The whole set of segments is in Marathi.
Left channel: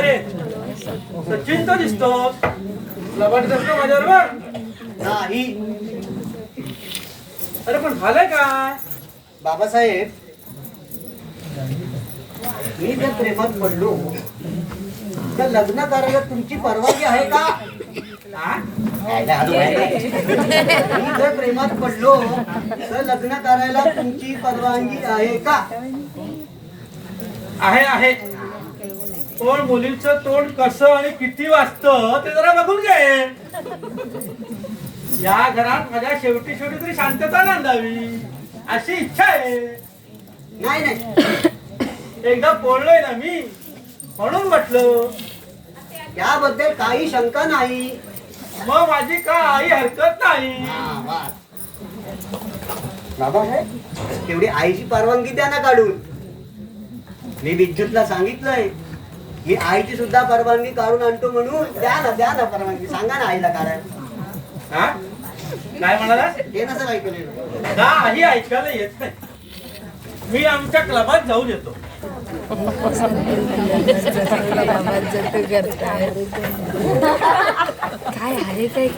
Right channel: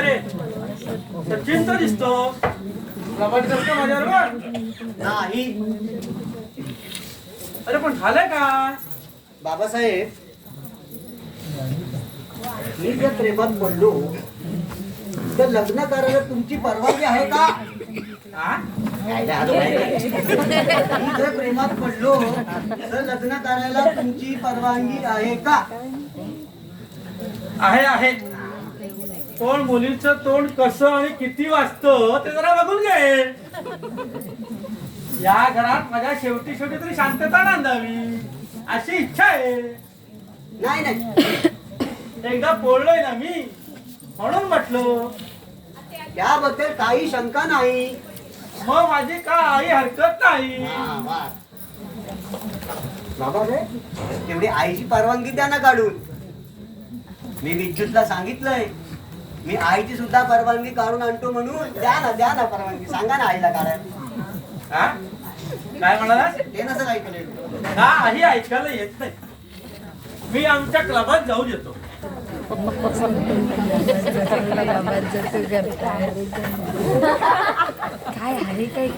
रे? सचिन तर दिसतो लबाडीस का माझ्यावर नाही. अरे पण झालंय काय बाबासाहेब मी जर प्रेमात पडलो तर लग्न करायला तुमची परवानगी आहे का? हा? मी जर प्रेमात पडलो तर लग्न करायला तुमची परवानगी आहे का? आहे आहे. पण मुलीचं तोंड कसं आणि किती वाजतं ते जरा बघून घे. या घरात माझ्या शेवटी शेवटी तरी शांतता नांदावी अशी इच्छा आहे. नाही नाही. एकदा बोललोय ना मी म्हणून म्हटलं. त्याबद्दल काही शंका नाही. मग माझी काही हरकत नाही. हा, वा. बाबासाहेब तेवढी आईची परवानगी द्या ना काढून. मी विद्युतला सांगितलंय. मी आईची सुद्धा परवानगी काढून आणतो म्हणून. द्या ना द्या ना परवानगी. सांगा ना आईला काढायला हा? काय म्हणाला? हे नसं ऐकलं. हा ही ऐकायला येत नाही. मी आमच्या क्लबात जाऊ देतो काय अरे काय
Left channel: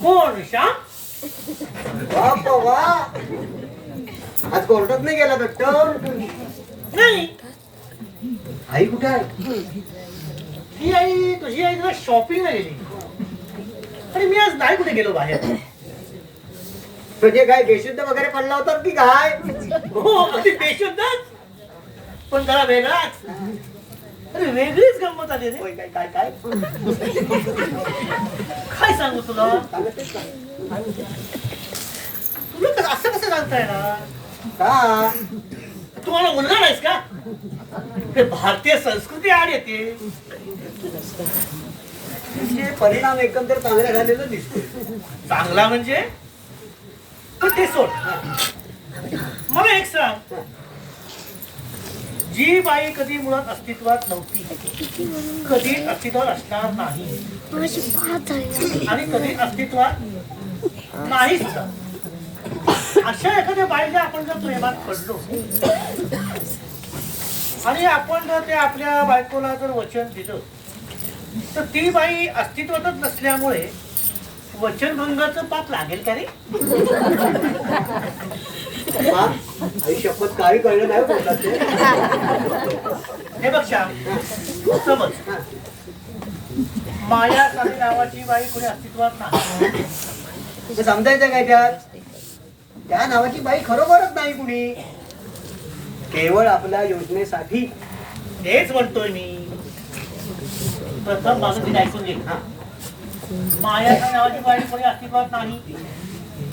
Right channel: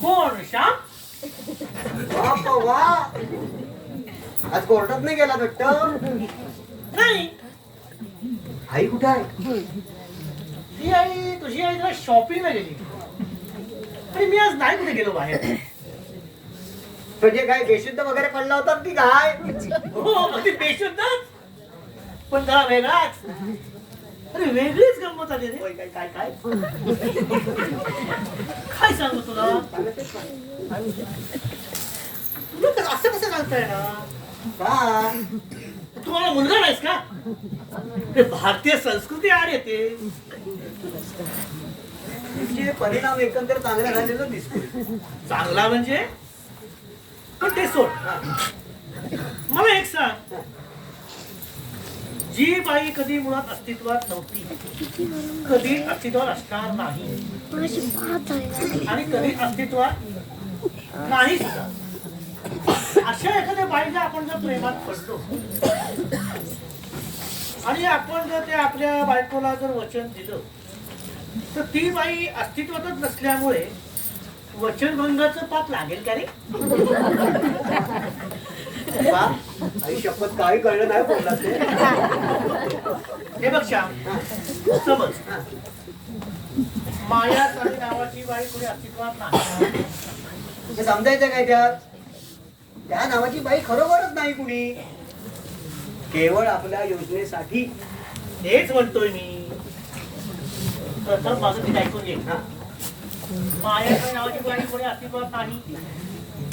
कोण श्याम आज कोर्टात नाही गेला भेटत नाही. आई कुठे आहे? ती आई तुझी आई तुला शॉपिंगला गेली. आणि मी आज नाही कुठे गेलो बाहेर. तुझे काय बेशुद्ध वगैरे पडला होता की काय? हो अगदी बेशुद्धच. पण जरा वेगळाच. अरे वेगळीच गंमत आली रे. काय काय काय? काय सांगू तुला? ना. तुला असं कसं सांगता येणार? का तुम्हाला मुलगा नाहीस का? ते भारतीय संस्कृती आड येते तुझे परिणाम एकंदर चांगले झालेलं दिसतोय. चांगला म्हणजे पण ते सोड मला एक सांग. जी बाई कधी मुळात अस्तित्वात नव्हती कधी अस्तित्वात असणार नाही आणि कधी अस्तित्वात नाही सुद्धा. अशा एखाद्या बाईला आपण जर प्रेमात पडलो आणि आपण जर ते आपल्या बायकोला जर वचन दिलं तर ती बाई अस्तित्वातच नसल्यामुळे वचनभंगाचं पाप लागेल का रे? आई शपथ काही कळलं नाही बोलला ते हे बघ श्याम समज. माया साली नावाची बाई कोणी अस्तित्वात नाही. समजायचं काय त्यात? त्या नावाची बाई खरोखरच नाही कुणी. केवळ आपल्या योजनेसाठी तेच म्हणतोय मी. प्रथम माझं ती ऐकून घे. माया नावाची बाई कोणी अस्तित्वात नाही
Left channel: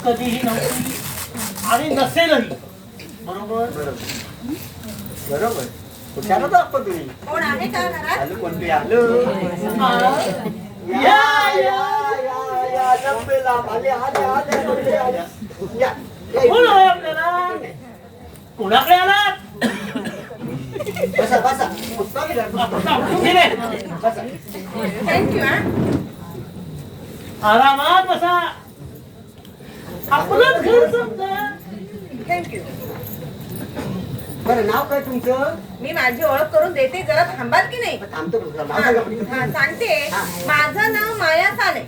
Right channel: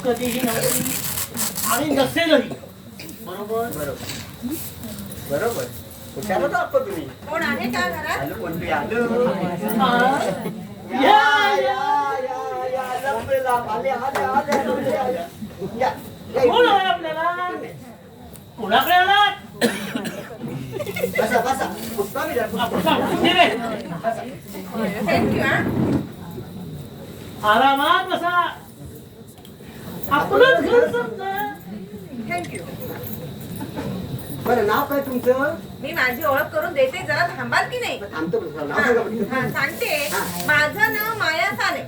कधीही नव्हती आणि नसेलही. बरोबर? बरोबर. बरोबर हुशार होता आपण तुम्ही. कोण आहे का घरात? आलो कोण आलो? या या या. या लंबे लांब आले आले आले लंबे आले या या कोण हवंय आपल्याला? कोणाकडे आलात बसा बसा पुष्पा विचार. आपण सांगू की नाही? बसा थँक्यू हा आरामात बसा आपलंच घर समजा थँक्यू बरं नाव काय तुमचं? मी माझी ओळख करून देते जरा थांबाल की नाही? थांबतो सांगते. माझं नाव माया साने.